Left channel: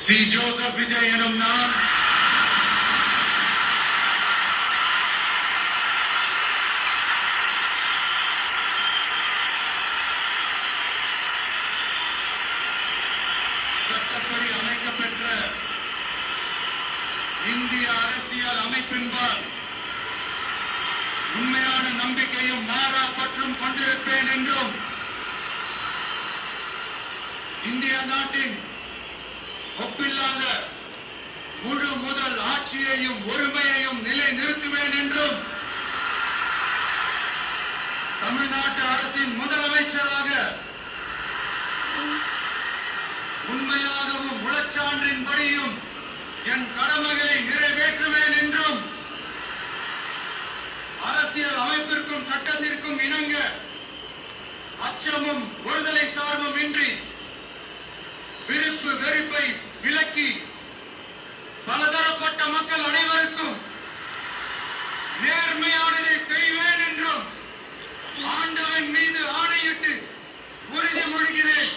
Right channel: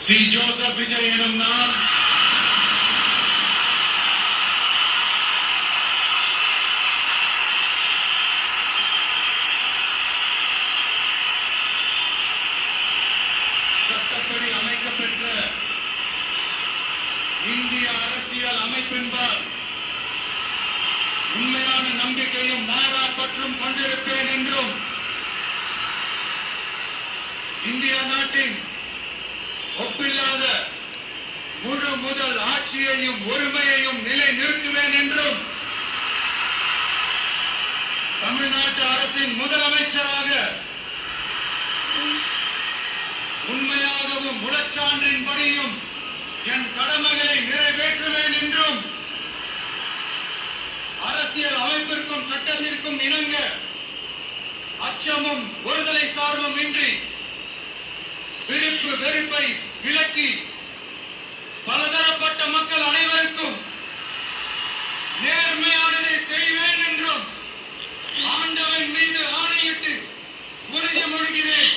C. Joseph Vijay எனும் நான் சட்டப்படி அமைக்கப்பெற்ற இந்திய அரசியல் அமைப்பின்பால் உண்மையான நம்பிக்கையும் மாறா பற்றும் கொண்டிருப்பேன் என்றும் இந்திய நாட்டின் ஒப்பில்லாத முழு முதல் ஆட்சியையும் ஒருமையையும் நிலை நிறுத்துவேன் என்றும் தமிழ்நாட்டு அரசின் முதலமைச்சராக உண்மையாகவும் உளச்சான்றின்படியும் என் கடமைகளை நிறைவேற்றுவேன் என்றும் அரசியல் அமைப்பிற்கும் சட்டத்திற்கும் இணங்க அச்சமும் ஒருதலை சார்பும் இன்றி விருப்பு வெறுப்பை விலக்கி பலதரப்பட்ட மக்கள் அனைவருக்கும் நேர்மையானதை செய்வேன் என்றும் ஆண்டவன் மீது ஆணையிட்டு உறுதிமொழிகிறேன்.